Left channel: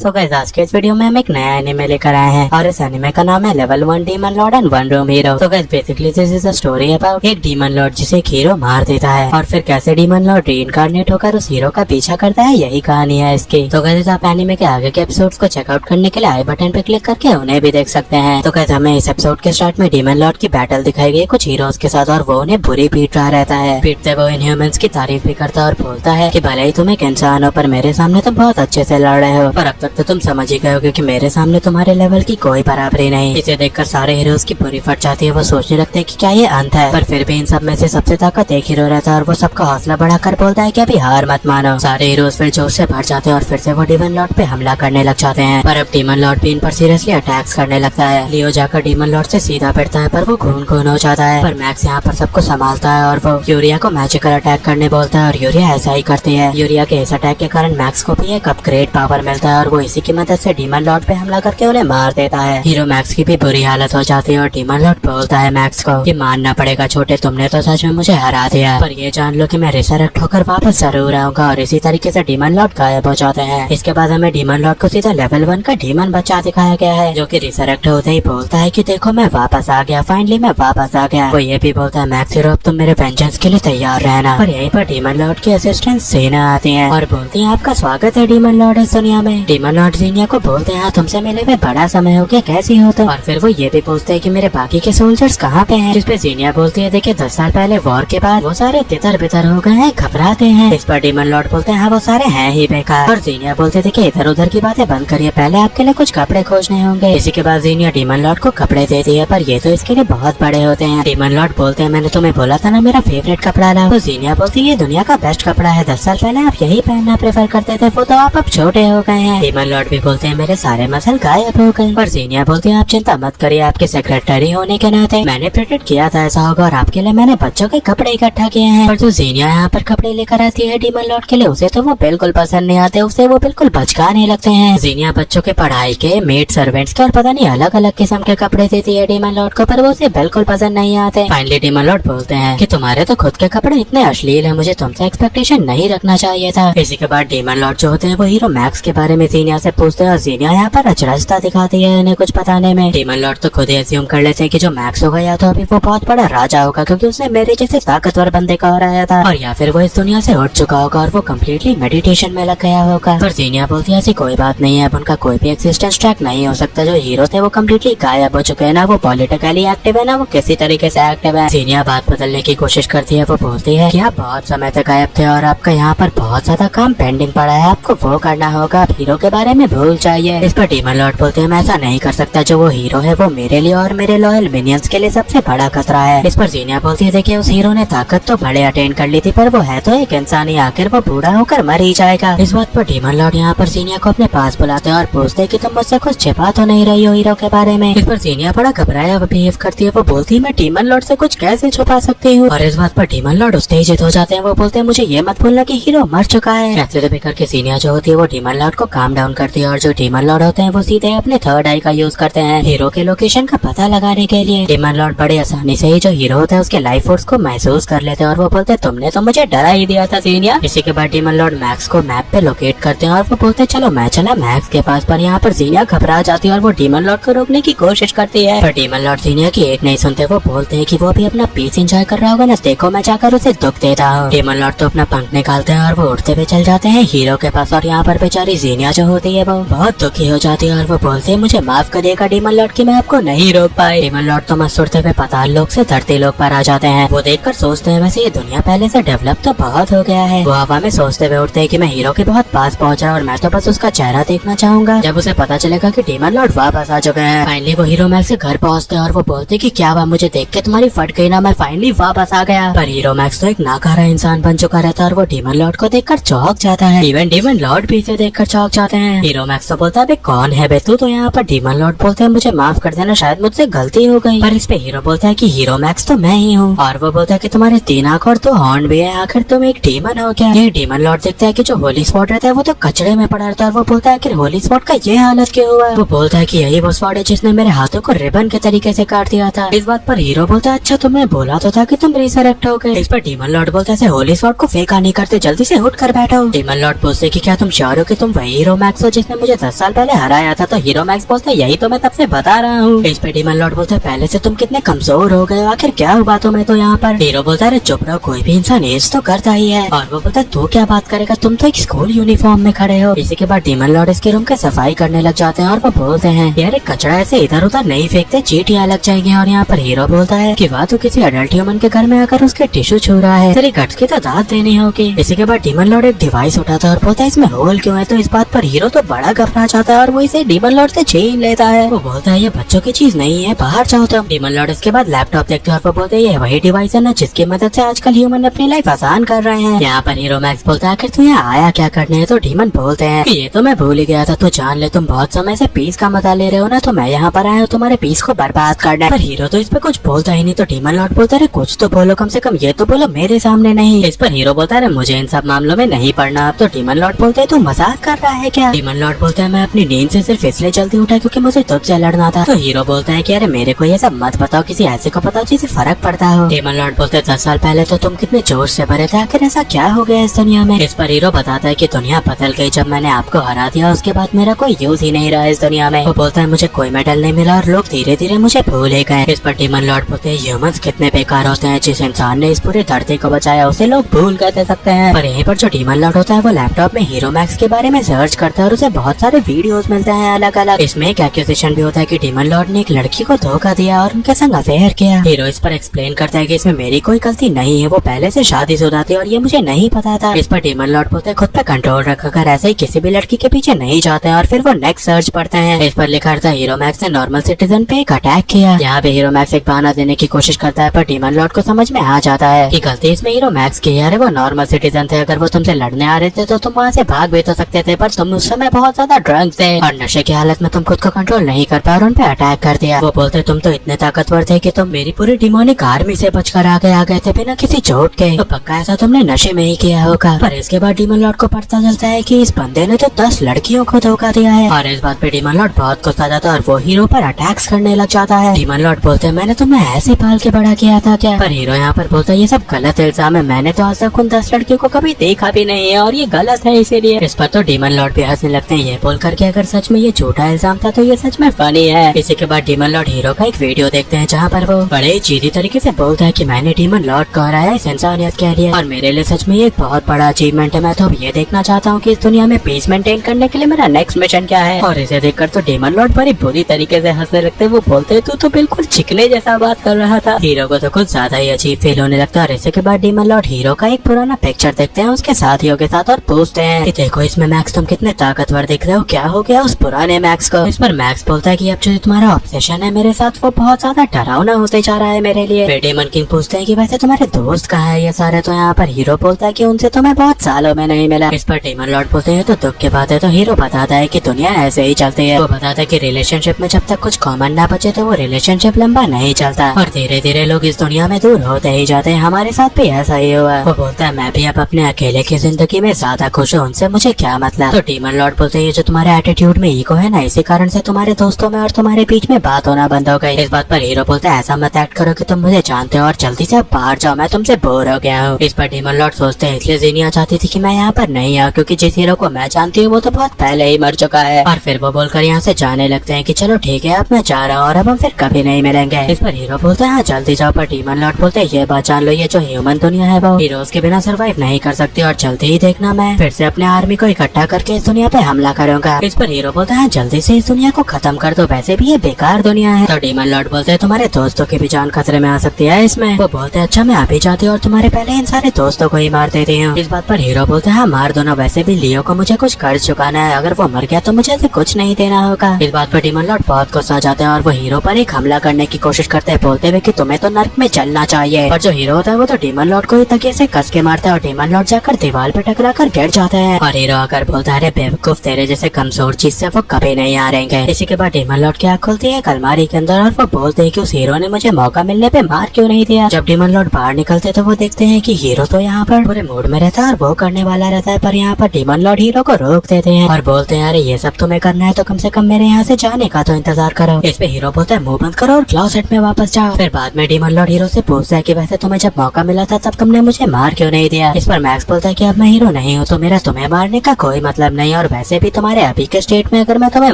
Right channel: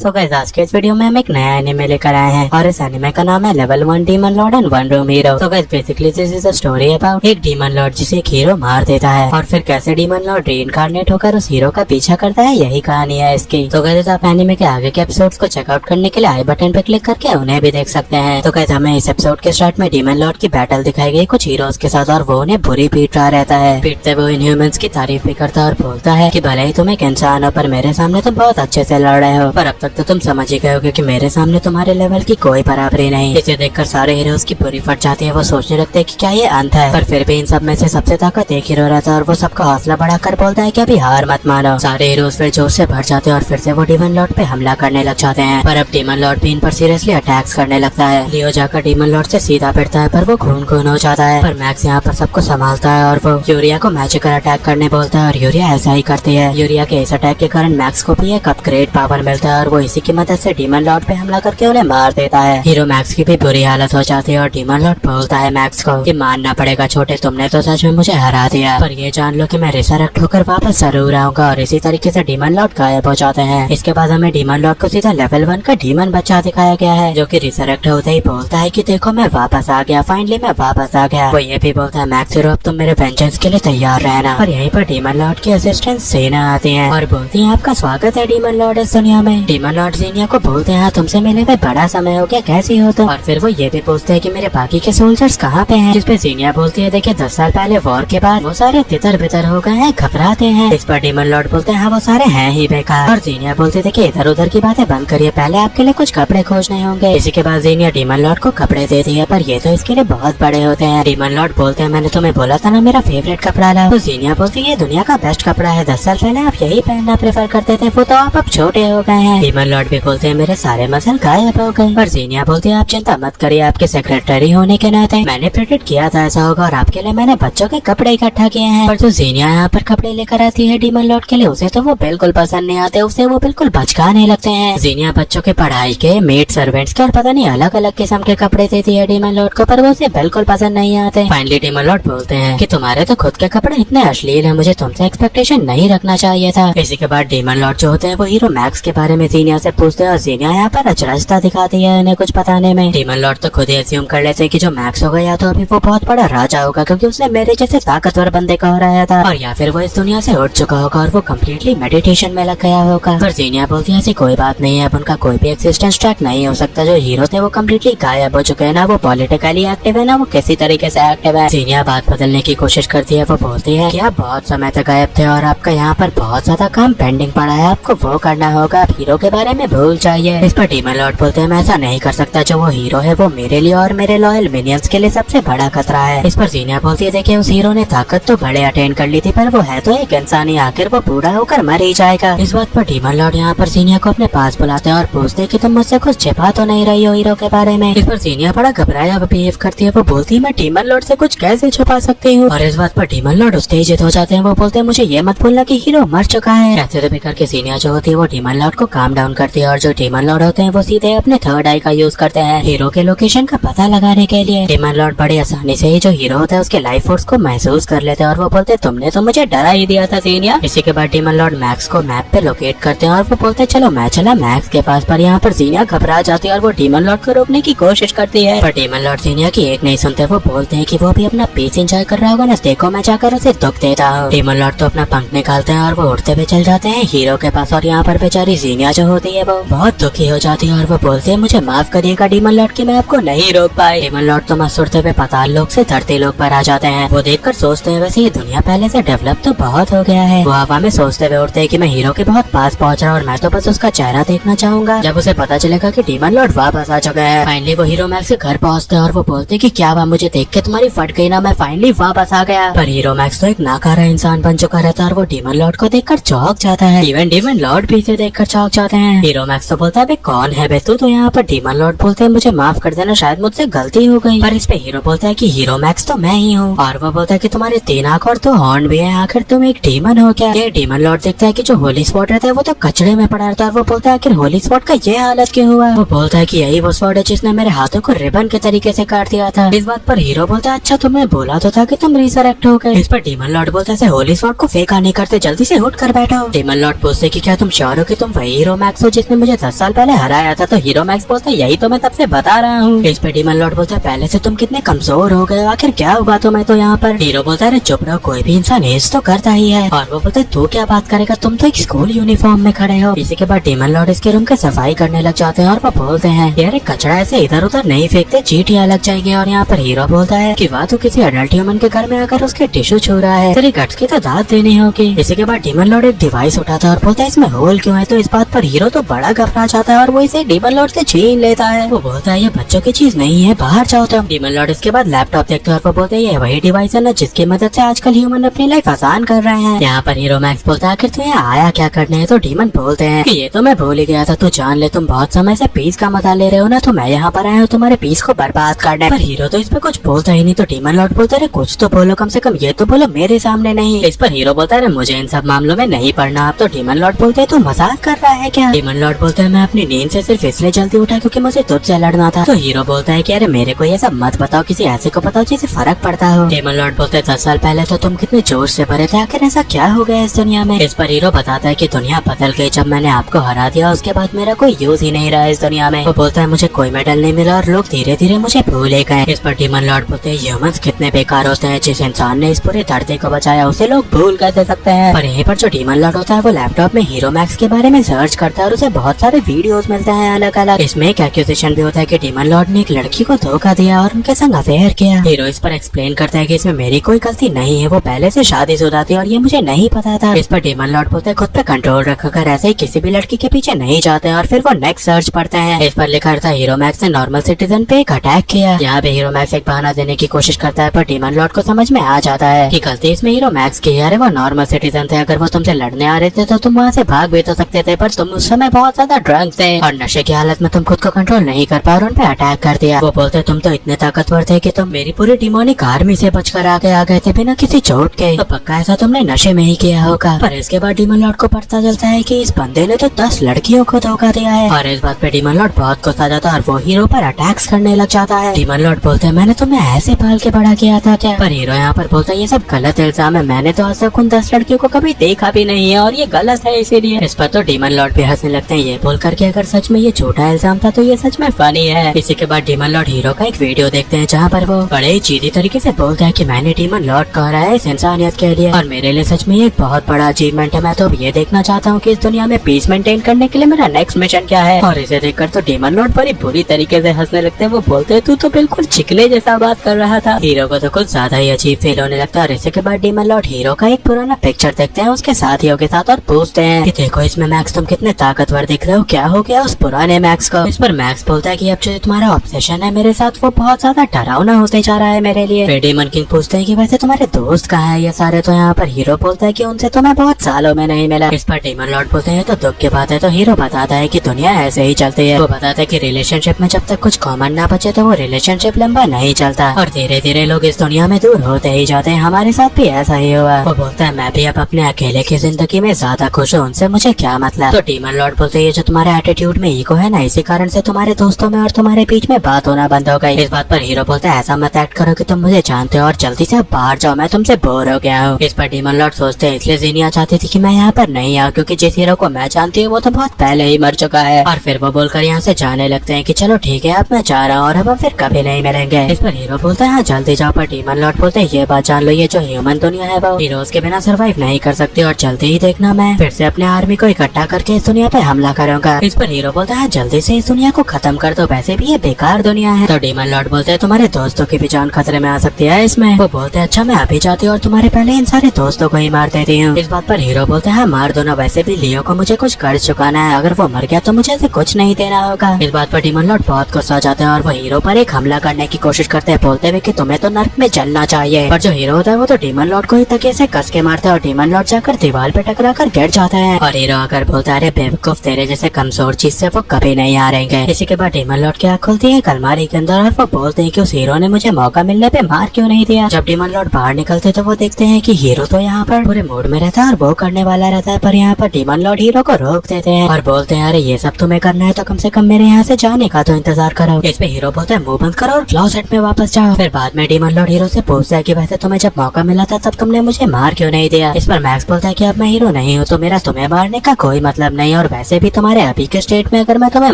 So guys आज के इस वीडियो में हम एक नया एनिमे लेकर आए हैं और इस एनिमे का नाम है level 1 demon Lord and one room hero. तो guys basically this is a story about एक डीमन लॉर्ड जिसे एक हीरो मार देता है और फिर कैसे डीमन लॉर्ड रीइंकार्नेट होकर उस हीरो का पीछा करता है, यही कहानी है इसकी। तो गाइस आप एनिमे के आगे के एपिसोड्स को चेकआउट करने के लिए आई बटन पे क्लिक करके उन्हें भी देख सकते हैं। तो गाइस हमें इस एपिसोड के स्टार्ट में डीमन लॉर्ड की बैटल दिखाई गई कुछ हीरोज के साथ और वो उन्हें बुरी पीट रहा रहता है। पीटते वो इनह्यूमंस की तारीफ भी करता है और बोलता है कि भले ही तुम एक इंसान हो पर मेरे सामने तुम बहुत अच्छे से लड़ रहे हो, पर अब तक तो तुम समझ ही गए होगे कि मेरे सामने तुम्हारे लेवल की कोई बराबरी नहीं। इसे देखकर सारे हीरोज की पूरी फट जाती है। वो सोचने लगते हैं कि क्या ये अंत है, पर फिर भी इन सब में से सबसे ताकत एक हीरो रहता है और वो सबका हौसला बढ़ाकर बोलता है कि अभी हार मत मानो। सारे हीरोज फिर जोश से भर जाते हैं और फिर से वो डीमन लॉर्ड पे हमला करने लग जाते हैं। पर अब डीमन लॉर्ड भी इन पर सीरियसली अटैक्स करने लगता है। लियो जाकर डीमन लॉर्ड से सीधा भिड़ता है पर वो खून खून हो जाता है। पर मैक्स यहाँ पर सबको संभालता है और वो यूरिया को मैजिकल अटैक करने बोलता है और यूरिया ऐसा ही करती है। यूरिया के इस अटैक के कारण मैक्स को भी एक अपग्रेड पावर मिलता है और वो इसी की मदद से डीमन लॉर्ड पे हमला करके उन्हें मार देता है। हीरो मैक्स की भी बुरी हालत हो जाती है और डीमन लॉर्ड बोलता है मैक्स को कि मानना पड़ेगा छोटे, तुमने तो सच में मुझे हरा दिया, पर ये जान लो कि मैं रिसरेक्ट होकर वापस जरूर आऊंगा। और इसी तरीके से डीमन लॉर्ड गायब हो जाते हैं। इसके बाद हमें डीमन लॉर्ड को सीधा लेवल 1 का डीमन बच्चा दिखाया गया है जो कि रिसरेक्ट होते ही बोलता है कि देखो मैं वापस आ गया, फाइनली मैं वापस आ गया। वो ये भी बोलता है मैक्स हीरो तुम मेरे वेंजेंस के लिए तैयार रहना। और यहीं पर डीमन लॉर्ड के असिस्टेंट सेना आती है और बोलती है आपका स्वागत है डीमन लॉर्ड इस दुनिया में। डीमन लॉर्ड जीनिया को बोलते हैं तुमसे मिले हुए बड़ा समय हो गया, कैसी हो तुम? और फिर वो ये भी पूछते हैं कि मेरे बाकी के सोल्जर्स कहाँ पे हैं? जिसपे जीनिया बोलती है देखिए 10 साल पहले वॉर के बाद वो सारे तितर बितर हो गए हैं, घबराते हैं। इस पर डीमन लॉर्ड बोलते हैं हाँ वो सारे हैं ही बेकार। और जीनिया बोलते देखिए इधर उधर की बातें बंद करिए, पहले आपके लिए कुछ कपड़े खोजने होंगे। इसी के बाद जीनिया डीमन लॉर्ड को कपड़े देती है पर ये तो इसके लिए बहुत बड़े होते हैं। डीमन लॉर्ड बोलते हैं मैंने तुम्हें बोला था ना मेरा फेवरेट कपड़ा ला। तो जीनिया बोलती है ये दुनिया का बेस्ट कपड़ा है, 10 साल पहले आप यही पहनना प्रेफर करते थे, वो तो आप अब छोटे हो गए हैं। डीमन लॉर्ड भी बोलते हैं मेरे सारे मसल गायब हो गए। पर जीनिया बोलते हैं आप चिंता मत करिए, आपके सेक्रेटरी होने के नाते मैंने प्रेडिक्ट किया था ऐसा होगा और आपके लिए मैंने बच्चों के कपड़े इकट्ठा किए हैं। पर जो जीनिया यहाँ पर कपड़े लेकर आती है डीमन लॉर्ड के लिए उसे तो वो बिल्कुल पसंद नहीं आते, उसे वो बिल्कुल बचकाने लगते हैं। जीनिया बच्चों के पढ़ाई के, मेड सर्वेंट्स के और पता नहीं अलग अलग किस्म के कपड़े देती है डीमन लॉर्ड को, पर वो उसे बिल्कुल पसंद नहीं आते। फाइनली डीमन लॉर्ड बोलते हैं कि तुम्हारे तो खुद के कपड़े इतने अश्लील है, मुझे तुमसे एक्सपेक्टेशन नहीं रखना चाहिए था। इसी के बाद डीमन लॉर्ड जो होते हैं वो हीरो मैक्स के बारे में जीनिया से पूछते हैं और जीनिया यहाँ पर अचरजता दिखाती है उन्हें कुछ बताने में। डीमन लॉर्ड तो खुद ही अस्यूम कर लेते हैं कि जो मैक्स होगा या तो अभी वो बहुत बड़ा राजा होगा क्योंकि उसने मेरे जैसे ताकतवर बंदे को हराया था, और या फिर वो इस दुनिया से उठ चुका होगा और वो कम्प्लीटली मेडिटेशन में लग गया होगा। पर जीनिया बोलती है ऐसी कोई बात नहीं है, अब उनका कोई भी एक्सिस्टेंस ट्रैक नहीं हो सकता। जो हीरो थे वो कम्प्लीटली गायब हो चुके हैं, ना वो पॉलिटिकली एक्टिव है ना वो किसी तरीके से एक्टिव है। जीनिया बात बदलने की कोशिश करती है। वो बोलती है कि आप बहुत समय तक गायब थे और आपका यहाँ पर बहुत ज्यादा काम पेंडिंग पड़ा है, आपको वो करना होगा, आप हीरो के बारे में भूल जाइए। इस पर डीमन लॉर्ड बोलते हैं मैं ऐसा नहीं कर सकता, जो वो हीरो है वो मेरे लिए और मेरे लॉयल मिनियंस के लिए सबसे बड़ा खतरा है। इस पर जीनिया बोलती है देखिए उस हीरो ने ताकत तो बड़े अटेन कर ली थी पर वो है तो एक इंसान ही, आखिर वो बूढ़ा होकर मर ही जाएगा। इस बात पर डीमन लॉर्ड यहाँ पर जीनिया को अपने पास बुलाते हैं और पूछते हैं कि तुम मुझसे कुछ छिपा तो नहीं रही हो हीरो के बारे में। इस पर जीनिया बड़ा घबराया बिहेव करती है। वो बोलती है मैं डीमन लॉर्ड से कुछ कैसे छुपा सकती हूँ। और इस बात पर डीमन लॉर्ड उत्तेजित हो जाते हैं। वो बोलते हैं मुझे ये मत बोलना कि हीरो मर चुका है। ऐसे भी करके जीनिया जो होती है वो डीमन लॉर्ड को काम डाउन करती है और जो डीमन लॉर्ड होते हैं वो सीधे अपने थर्ड आई का यूज करते हैं हीरो के लोकेशन का पता लगाने के लिए। डीमन लॉर्ड बड़े आसानी से ही जो हीरो होता है उसके लाइफ फोर्स को महसूस कर लेते हैं और वो बोलते तुमने तो मुझे डरा ही दिया था जीनिया। इसी के बाद डीमन लॉर्ड मैक्स को मैप पे लोकेट करते हैं और वो बोलते चलो मैं चला मैक्स के पास। पर यहाँ पर जीनिया घबरा जाती है और वो डीमन लॉर्ड को रोकने की कोशिश करती है, पर डीमन लॉर्ड जीनिया की एक नहीं सुनते। वो बोलते हैं कि वो भी अपना पीस एंजॉय कर रहा होगा ना, देखो मैं जाकर उसे दुख देता हूँ। डीमन लॉर्ड तो अपना पंख निकालते हैं और वो उड़ते हुए चल जाते हैं हीरो के पास। और यहाँ पर बेचारी जीनिया जो होती है वो बहुत दुखी हो जाती है और वो बोलती है मुझे माफ करिएगा डीमन लॉर्ड कि मैं आपको नहीं रोक पाई। डीमन लॉर्ड तो मस्त उड़ते हुए पाताल लोक से धरती लोक पर आ जाते हैं। वो देखकर सोचते हैं वैसे ये दुनिया पहले से डेवलप तो बहुत हो गया है। वो हवा में सोचते हुए उड़ते हैं कि मैं हीरो के बहुत पास पहुंचा और मैं तो बस उसका चेहरा देखना चाहूंगा जब उसे पता चलेगा कि डीमन लॉर्ड वापस आ चुका है। फाइनली वो हीरो मैक्स के घर पहुंचते हैं और वो बोलते कि क्या हुआ, मुझे देख के तुम्हारी फट गई ना, मैं फाइनली वापस आ गया। पर हीरो मैक्स तो एक नाकारा इंसान बन चुका रहता है और वो डीमन लॉर्ड को देखकर चौंक जाता है। इवन डीमन लॉर्ड भी इसे देखकर चौंक जाते हैं। हीरो मैक्स तो बोलता है कौन है बे तू? तो यहाँ पर डीमन लॉर्ड बोलते हैं मुझे माफ कर देना, शायद मुझसे गलती हो गई। पर इस पे हीरो बोलता है कि हीरो मैक्स तो मैं ही हूँ। और वो बोलता है कि तुम्हारे 3 आंख और 2 हॉर्न भी है, आखिर तुम एक डीमन हो क्या? ये डीमन लॉर्ड देखता है कि जो होली स्पॉट रहता है वो तो कचड़े में पड़ा रहता है। वो बोलता है आखिर होली स्पॉट का ये हालत क्यों हुआ? वो बोलता है कि यही वो स्पॉट है जिसने मेरे हाथों को रिबन के तरीके से काट दिया था। इस बात पर हीरो बोलता है अच्छा तो मैं बोला तो था कि तुम रिसरेक्ट हो गए। इस पर डीमन लॉर्ड बोलता है होली स्पॉट को फेंका नहीं करते, जल्दी से उठ कर बैठो। डीमन लॉर्ड पूछते कि क्या तुम श्योर हो कि तुम वही हीरो मैक्स हो जिसने मुझे 10 साल पहले हराया था। तो हीरो मैक्स बोलता है यही तो मैं तब से बता रहा हूँ। इस पे डीमन लॉर्ड बोलता है पहले से तुम कितने कमजोर हो गए, आखिर क्या हुआ तुम्हें तो यहाँ पर। हीरो बोलता है चुप रहो, कोई भी इंसान एज तो करता ही है। और वो बोलता है तू क्या बात करेगा, तुम तो एक स्कूल यूनिफॉर्म में खड़े हो। इसी के बाद डीमन लॉर्ड इसके रूम की सफाई करने लग जाते हैं और वो बोलते हैं यार कचरा ऐसे इधर उधर नहीं फेंकते, चींटियां लग जाएंगे। और यहाँ पर हीरो बोलता है कि वाह तू किसी अडल्ट ह्यूमन के घर में आकर उसके टिश्यू छू रहा है, तेरी गट्स की तो दाद देनी होगी। इसी के बाद डीमन लॉर्ड एक डिवाइस उठाता है और बोलता है इसमें होल क्यों है। तो इस बात पर हीरो तो बड़ा घबरा जाता है और वो इसे डीमन लॉर्ड से छीन लेता है। वो बोलता है ये बच्चों की चीज नहीं है, बाहर जाओ तुम। डीमन लॉर्ड इसके बाद लैपटॉप देखते हैं और वो बोलते हैं ये वही डिवाइस है ना जिसकी मदद से आजकल ह्यूमन अपनी लाइफ आसान कर रहे हैं। यहाँ पर हीरो मैक्स बोलता है आखिर तू यहाँ आया क्या करने है। तो डीमन बोलते हैं कि ये तो मैं भूल ही गया था, तू जान ले तुम बहुत समय से पीस का मजा ले रहे हो ना, तो मैं यहाँ पर आया हूँ तुम्हारे पीस को बर्बाद करने। पर हीरो तो इस पे कुछ बोलता ही नहीं। तो डीमन लॉर्ड बोलता है कुछ तो बोलो, कम से कम ये तो बोलो मेरे सामने नहीं। इस पर हीरो बोलता है मुझे इन सब मामलों में नहीं पड़ना। अब तो डीमन लॉर्ड बोलते है तू मजाक कर रहा है क्या। डीमन लॉर्ड बोलते है मैं अपनी नींद से सिर्फ इसलिए जल्दी उठा क्योंकि मुझे तुझसे लड़ना था। तो हीरो बोलता है कि अरे मेरे को ये सब मत बताओ, किसी ऐसे को बताओ जिसे फर्क पड़ता हो। डीमन लॉर्ड बोलते है 10 साल पहले तो तुम कितने जोश से भरे थे, आखिर ऐसा क्या हो गया इस दुनिया में। इस पर हीरो बताता है कि दुनिया बदल गई, जब मैंने आपको हरा दिया उसके बाद मेरा कोई यूज ही नहीं रहा इस दुनिया में। वो बोलता है मुझे कोई मेडल नहीं मिला और लोग धीरे धीरे मुझे भूल ही गए। इस पर डीमन लॉर्ड बोलते हैं ह्यूमंस कितने बेकार होते हैं, जिस इंसान ने इस पूरे धरती को बचाया उसे लोग भूल कैसे सकते हैं। पर यहीं पर जो डीमन लॉर्ड होता है वो लैपटॉप में हीरो मैक्स के बारे में सर्च करता है और उसे बहुत सारे वीडियोस मिलते हैं अलग अलग। इसमें एक एक्यूजेशन भी होता है कि डीमन लॉर्ड ने एक लड़की को धोखा दिया और उनके संग अफेयर किया। हीरो इस पर एक्सप्लेन करता है कि इसमें मेरी कोई गलती नहीं है, वो पहले से शादीशुदा थी और ये मुझे नहीं पता था। इस पर डीमन लॉर्ड बोलता है खुद पे कंट्रोल रखकर ऐसे ही किसी भी लड़की के पीछे नहीं जाते हैं। और फिर वो नेक्स्ट सर्च पढ़ते हैं। इस पर लिखा था हीरो मैक्स ने नॉर्मल सिटीजन पे एक अटैक किया। यहाँ पे हीरो मैक्स एक बहाना देने की कोशिश करता है पर डीमन लॉर्ड को समझ में आ जाता है कि गलती इसमें हीरो मैक्स की है। अरे वो नॉर्मल सिटीजन थे, अगर वो तुमसे लड़ने आ रहे थे तो तुम वहाँ से भाग भी तो सकते थे, पर तुम उस समय बहुत ज्यादा ड्रंक थे और नशे की हालत में तुम खुद को कंट्रोल नहीं कर पाए और उन पे अटैक कर दिया। वो बोलते तुम तो इतने ताकतवर थे कि तुम मेरी पूरी डिमोनिक आर्मी से बचकर आगे आ गए थे बिना किसी चोट के। तो पक्का ऐसा तुमने नशे में ही किया होगा। पर इसके बाद डीमन लॉर्ड को पता चलता है कि इस बंदे ने तो 10 लड़कियों को धोखा दिया है। और इस बात पे डीमन लॉर्ड बहुत गुस्सा जाता है और वो हीरो पर अटैक्स करने लग जाता है। डीमन लॉर्ड बोलते हैं मैंने तुम्हें ऐसे पाल के बड़ा किया था क्या। पर हीरो यहाँ पर बोलता है ये सब गलत इल्जाम है, मैंने तो आज तक उन 10 लड़कियों को कभी देखा भी नहीं है और ये गलत है इसीलिए। इस पर तो डीमन लॉर्ड भी हंसने लगते हैं ये बोलकर कि अगर सच में ये झूठा इल्जाम था तो ये सच में फनी है। इसी के बाद डीमन लॉर्ड हीरो का एक वीडियो देखते हैं जहाँ पर वो बड़े चीनी तरीके से बोलता है कि मैंने डीमन लॉर्ड को हराया इस इंसानियत के लिए और मेरे लिए सच में ये एक बहुत बड़ा अचीवमेंट है। मैं तो ये देखना चाहता हूँ कि इस दुनिया में पीस मेंटेन करने के लिए मेरा नेक्स्ट मिशन क्या है। और इसे देखकर तो डीमन लॉर्ड बड़ी बुरी तरीके से हंसने लगते हैं। वो बोलते हैं तू तो बिल्कुल चिकने जैसा बात कर रहा था। हीरो को तो कुछ ज्यादा ही अजीब फील होने लगता है। और इसी के बाद डीमन लॉर्ड हीरो का एक पुराना पिक्चर देखते हैं उसके साथियों के साथ और पूछते हैं कि देखो इसमें मैक्स तुम कितने ताकतवर दिख रहे हो, क्या हो गया उस पुराने मैक्स को। इस पर मैक्स बोलता है कि अब जो तुम्हारा ऑब्सेशन है मेरे साथ वो बहुत ज्यादा डरावना होते जा रहा है मेरे लिए। फिर डीमन किंग पूछते हैं कि वैसे तुम्हारे दोस्त कहाँ है ये सारे। तो यहाँ पर हीरो बोलता है कि उनसे तो मैं बहुत सालों में नहीं मिला। इस पर डीमन लॉर्ड बोलते हैं तो दुख की बात है। तो हीरो बताता है कि दुनिया ऐसे ही चलती है। वो बताता है कि रिलेशनशिप में जब तक कुछ कॉमन ना बचे तो वो रिलेशनशिप लंबा नहीं चलता और धीरे धीरे लोग इस दुनिया में दूर होते ही जाते हैं। हमारे साथ भी ऐसा ही हुआ। वो बोलता है मैं भी अब अपने अकेले की जिंदगी में ज्यादा खुश हूँ, उनसे मुझे क्या मतलब। तो डीमन लॉर्ड बोलते हैं जो तुम्हारे एटीट्यूड में ईगो है ना, इसी कारण से तुम्हारे दोस्तों में और तुम्हारे बीच में बात होना बंद हो गई। इस बात पर हीरो बोलते हैं ऐसा मत एक्ट करो कि तुम मुझे जानते हो और जल्दी से बाहर जाओ, मैं तुमसे बोर हो गया हूँ। इस पर डीमन लॉर्ड सोचते हैं इसलिए जीनिया चाहती थी कि मैं यहाँ पर नहीं आऊँ क्योंकि जिस हीरो को मैं जानती हूँ वो तो बहुत पहले ही मर चुका है। और फिर वो बोलकर यहाँ से जाने लगते हैं कि चलो ठीक है अब मैं जा रहा हूँ और अब हम फिर कभी नहीं मिलेंगे। इस पर हीरो बोलता है हाँ जल्दी जाओ। पर डीमन लॉर्ड बोलते हैं ये बात जान लो ये जो ह्यूमन दुनिया है वो हीरोज के बिना सर्वाइव नहीं कर सकती और जल्दी ही देखना मैं फिर से अपने आर्मी को इकट्ठा करके इस दुनिया पे हमला करूंगा। इस पर हीरो बोलता है जल्दी से इस दुनिया को खत्म कर दो, वैसे भी ये बेकार दुनिया है। तो डीमन लॉर्ड बोलते हैं तुम्हारे दोस्तों की भी जान खतरे में आ सकती है इसमें। वो बोलते हैं अच्छा मैं अभी जाती हूँ और तुम्हारे पहले इन सारे दोस्तों को ही मार देती हूँ। इस बात पर हीरो बोलता है मार दो ना, वैसे भी लियो को मुझे कुछ कर्ज चुकाना है, अगर वो मर गया तो मुझे कुछ नहीं देना होगा। इस बात पर डीमन लॉर्ड बहुत गुस्सा जाते हैं और वो हीरो पर एक हमला करने की कोशिश करते हैं बोलते हुए कि तुम्हें तो नर्क में जलना चाहिए। पर जो हीरो होता है वो तो डीमन लॉर्ड को ही तकिए से कस के मारता है और डीमन लॉर्ड जाकर दीवार पे टकरा कर गिर जाते हैं। और हीरो अगर बोलता है बेवकूफ तेरे जैसे कमजोर चीज से वो कभी नहीं हारेंगे। इसी के बाद डीमन लॉर्ड की आँख खुलती है अलमारी के अंदर और वो बोलते हैं कि उस हीरो ने मुझे मौका मिलने पे मार क्यों नहीं दिया। जब डीमन लॉर्ड बाहर निकलते तो वो देखते हैं कि हीरो तो यहाँ पर पूरे मूड में रहता है और वो करने वाला रहता है, पर यहाँ पर डीमन लॉर्ड हीरो को रोक देते हैं और बोलते हैं अरे ये सब तुम्हें करना है तो कम से कम मेरे यहाँ से जाने का तो इंतजार करो। इस पे हीरो बोलता है मुंह बंद करो और क्लोसेट में वापस जाओ। फिर बाद में डीमन लॉर्ड हीरो से पूछता है कि वैसे तुम्हें जब मौका मिला था तब तुमने मुझे मार क्यों नहीं दिया। इस पर मैक्स बोलता है कि अब मैं हीरो नहीं हूँ तो मेरा तुम्हें मारने का कोई मतलब नहीं और वैसे भी तुम्हारे अभी के स्टेट में अगर मैं तुम्हें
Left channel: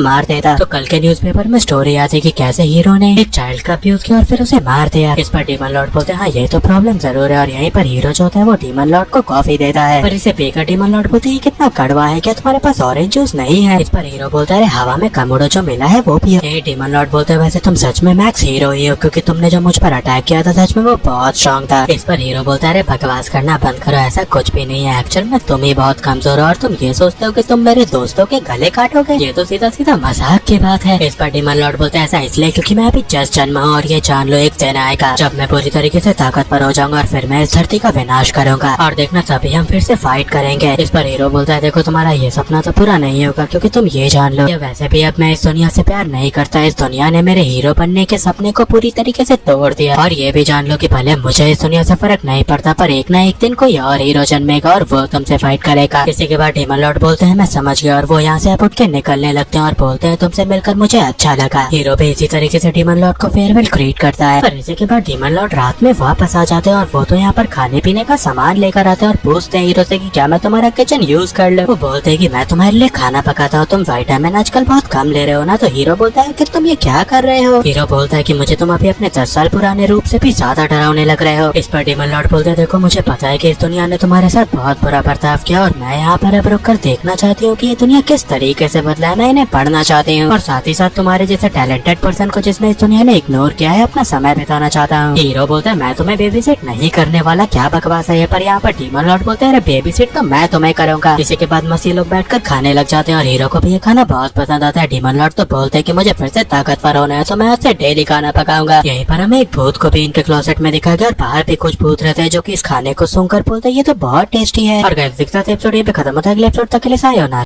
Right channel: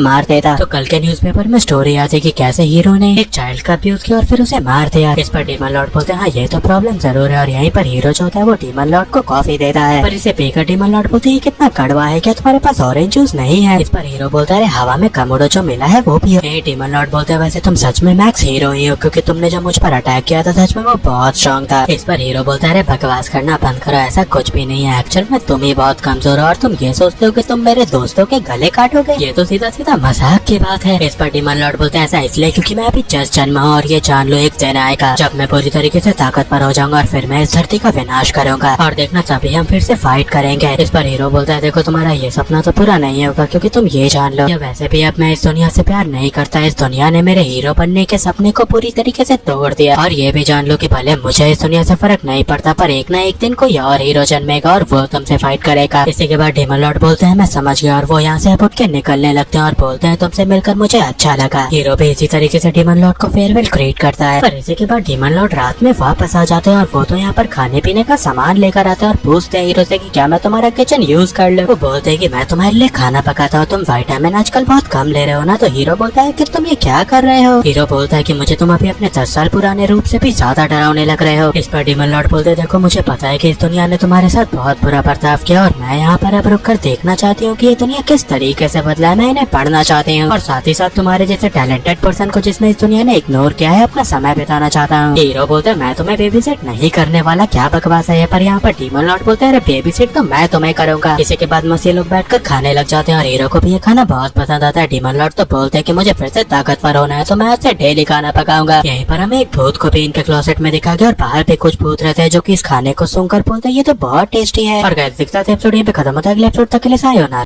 मार देता तो कल के न्यूज़पेपर में स्टोरी आती कि कैसे हीरो ने एक चाइल्ड का अब्यूज किया और फिर उसे मार दिया। इस पर डीमन लॉर्ड बोलते हैं हाँ ये तो प्रॉब्लम जरूर है, और यहीं पर हीरो जो होता है वो डीमन लॉर्ड को कॉफी देता है, पर इसे पीकर डीमन लॉर्ड बोलते हैं कितना कड़वा है, क्या तुम्हारे पास ऑरेंज जूस नहीं है? इस पर हीरो बोलता है हवा में कम उड़ो, जो मिला है वो पियो। डीमन लॉर्ड बोलते हैं वैसे तुम सच में मैक्स हीरो ही हो, क्योंकि तुमने जो मुझ पर अटैक किया था सच में वो बहुत स्ट्रॉन्ग था। इस पर हीरो बोलता है बकवास करना बंद करो, ऐसा कुछ भी नहीं है, एक्चुअल में तुम ही बहुत कमजोर हो और तुम ये सोचते हो कि तुम मेरे दोस्तों के गले काटोगे, ये तो सीधा सीधा मजाक की बात है। इस पर डीमन लॉर्ड बोलते हैं ऐसा इसलिए क्योंकि मैं अभी जस्ट जन्मा हूँ, और ये जान लो एक दिन आएगा जब मैं पूरी तरीके से ताकतवर हो जाऊंगा और फिर मैं इस धरती का विनाश करूंगा, और देखना तभी हम फिर से फाइट करेंगे। इस पर हीरो बोलता है देखो तुम्हारा ये सपना तो पूरा नहीं होगा, क्योंकि तुम ये जान लो या वैसे भी अब मैं इस दुनिया से प्यार नहीं करता, इस दुनिया ने मेरे हीरो बनने के सपने को पूरी तरीके से तोड़ दिया, और ये भी जान लो कि भले मुझे इस दुनिया से फर्क नहीं पड़ता पर एक ना एक दिन कोई और हीरो जन्मेगा और वो तुमसे फाइट करेगा। इसी के बाद डीमन लॉर्ड बोलते हैं मैं समझ गया, और वो यहाँ से अब उठ के निकलने लगते हैं और बोलते हैं तुमसे मिलकर मुझे अच्छा लगा। हीरो भी इसी तरीके से डीमन लॉर्ड को फेयरवेल ग्रीट करता है, पर इसी के बाद डीमन लॉर्ड रात में वापस आ जाते हैं और वो तो यहाँ पर खाने पीने का सामान लेकर आते हैं और पूछते हैं हीरो से कि क्या मैं तुम्हारा किचन यूज कर लूं। वो बोलते हैं कि मैं तुम्हारे लिए खाना पकाता हूँ, तुम विटामिन आजकल बहुत कम ले रहे हो ना। तो हीरो बोलता है कि तुम ये क्या कर रहे हो? हीरो बोलता है कि मुझे तुम अभी अपने 10 साल पुराने रूप से भी ज्यादा डरावने लग रहे हो। इस पर डीमन लॉर्ड बोलते हैं देखो मुझे पता है कि इस दुनिया ने तुम्हारे साथ बहुत बुरा बर्ताव किया, और मैं यहाँ पर अब रुक कर देखना चाहती हूँ कि ये दुनिया किस तरीके से बदला है, मैं इन्हें पढ़ना चाहती हूँ, और साथ ही साथ तुम्हारे जैसे टैलेंटेड पर्सन को जिसने इस दुनिया ने इग्नोर किया है अपना समय बिताना चाहता हूँ। हीरो बोलते हैं मैं तुम्हें बेबी सेट नहीं करने वाला, क्या बकवास है ये? पर यहाँ पर डीमन लॉर्ड बोलते हैं अरे बेबी सेट तो मैं तुम्हें करूंगा। इसी के बाद मसीह लोग बैठकर खाने लग जाते हैं और हीरो को भी ये खाना बहुत पसंद आता है। डीमन लॉर्ड तो बोलते हैं कि मुझे फिर से ताकतवर होना है तो मैं आपसे डेली खाना पकाऊंगा। यहीं पर हमें एक भूत को भी इनके क्लोसेट में दिखा गया और बाहर भी कुछ भूत रहते हैं जो कि इस खाने को सुनकर बोलते हैं ये तो बहुत टेस्टी है। और गाइस दिखता है एपिसोड यहीं पे खत्म होता है, अगले एपिसोड तक के लिए सायोनारा।